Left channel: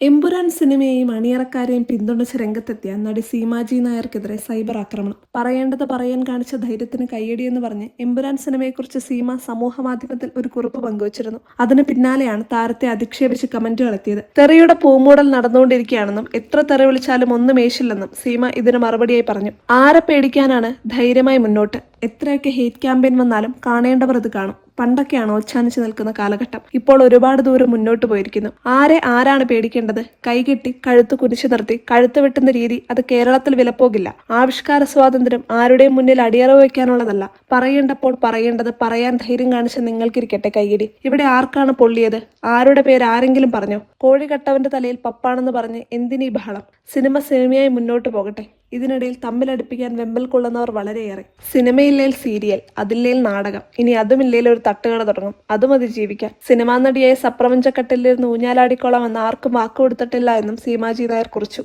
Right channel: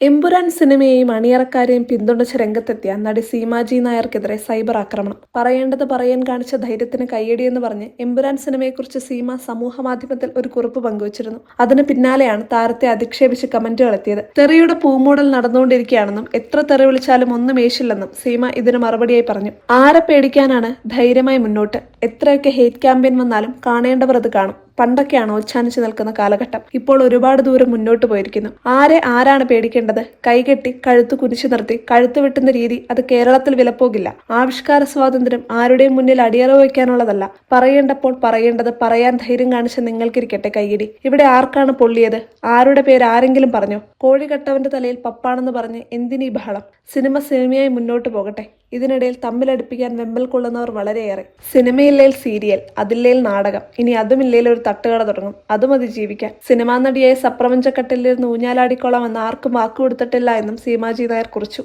എമ്പുരാൻ സിനിമയെയും അണിയറക്കാരെയും പിന്തുണച്ച് രംഗത്തെത്തിയ നടി സീമാജി നായർക്കെതിരെ സൈബർ ആക്രമണം. പറയേണ്ടത് പറയാൻ കാണിച്ച ധൈര്യത്തിന് കയ്യടിയെന്ന് പറഞ്ഞ് എമ്പുരാൻ സിനിമയെക്കുറിച്ച് സീമ സമൂഹമാധ്യമത്തിൽ ഒരു കുറിപ്പ് പങ്കുവച്ചിരുന്നു. അതിന് പിന്നാലെയാണ് താരത്തെ അധിക്ഷേപിച്ച് കമന്റുകൾ എത്തിയത്. തെറിയുടെ പൂമൂടൽ നടന്നുകൊണ്ടിരിക്കുകയാണെന്നും എത്ര തെറി വിളിച്ചാലും ഒന്നും ഏശില്ലെന്നും സീമ ഇതിന് മറുപടിയായി പറഞ്ഞു. ആരെ പേടിക്കാനാണ്, ധൈര്യമായി മുന്നോട്ട്. എത്രയൊക്കെ ഹേറ്റ് ക്യാമ്പയിൻ വന്നാലും കാണേണ്ടവർ അത് കാണും. പണ്ടൊക്കെയാണ് ഓച്ഛാനിച്ചു നിൽക്കുന്ന കാലഘട്ടം. ഇപ്പോൾ ഒരുപാട് ദൂരം മുന്നോട്ട് പോയിരിക്കുന്നു. ആരാണ് പേടിക്കേണ്ടത്? കൈകെട്ടി കഴുത്ത് കുരിശു നിർത്തി കഴുത്ത് വെട്ടുന്ന രീതി അത് കേരളത്തിൽ വിലപ്പോകില്ല. ആവിഷ്കാര സ്വാതന്ത്ര്യം ആരുടെയും മുന്നിൽ അടിയറവ് വയ്ക്കാനുള്ളതല്ല. പറയേണ്ടപ്പോൾ പറയേണ്ടത് പറയാൻ ധൈര്യം കാണിച്ച നിങ്ങൾക്കിരിക്കട്ടെ കൈയിടി. ഇവിടെ ആർക്കാണ് പൊള്ളിയത്? ആരുടെ പേര് ആരെങ്കിലും പറഞ്ഞോ? കോഴി കട്ടവന്റെ തലയിൽ പപ്പാണെന്ന് പറഞ്ഞ് എന്തിനീ ബഹളം? സിനിമയായി മുന്നോട്ട് പോകട്ടെ. ഇതിനിടയിൽ തമ്മിലടുപ്പിക്കാൻ വെമ്പൽ കൊള്ളുന്നവർ വളരെയേറെ. സിനിമയില്ലേൽ സീരിയൽ, അതില്ലേൽ നാടകം, ഇനി അതുമില്ലേൽ ഒരു തട്ടുകട തുടങ്ങും. അതും അതിജീവിക്കാൻ. സിനിമാ നടിയായ സപ്രപഞ്ചക്കട്ടിലിരുന്ന് ഊഞ്ഞാലാടിക്കോളാം എന്ന് ആർക്കും വാക്കുകൊടുത്തിട്ടില്ല എന്നും സീമാജി നായർ കുറിച്ചു.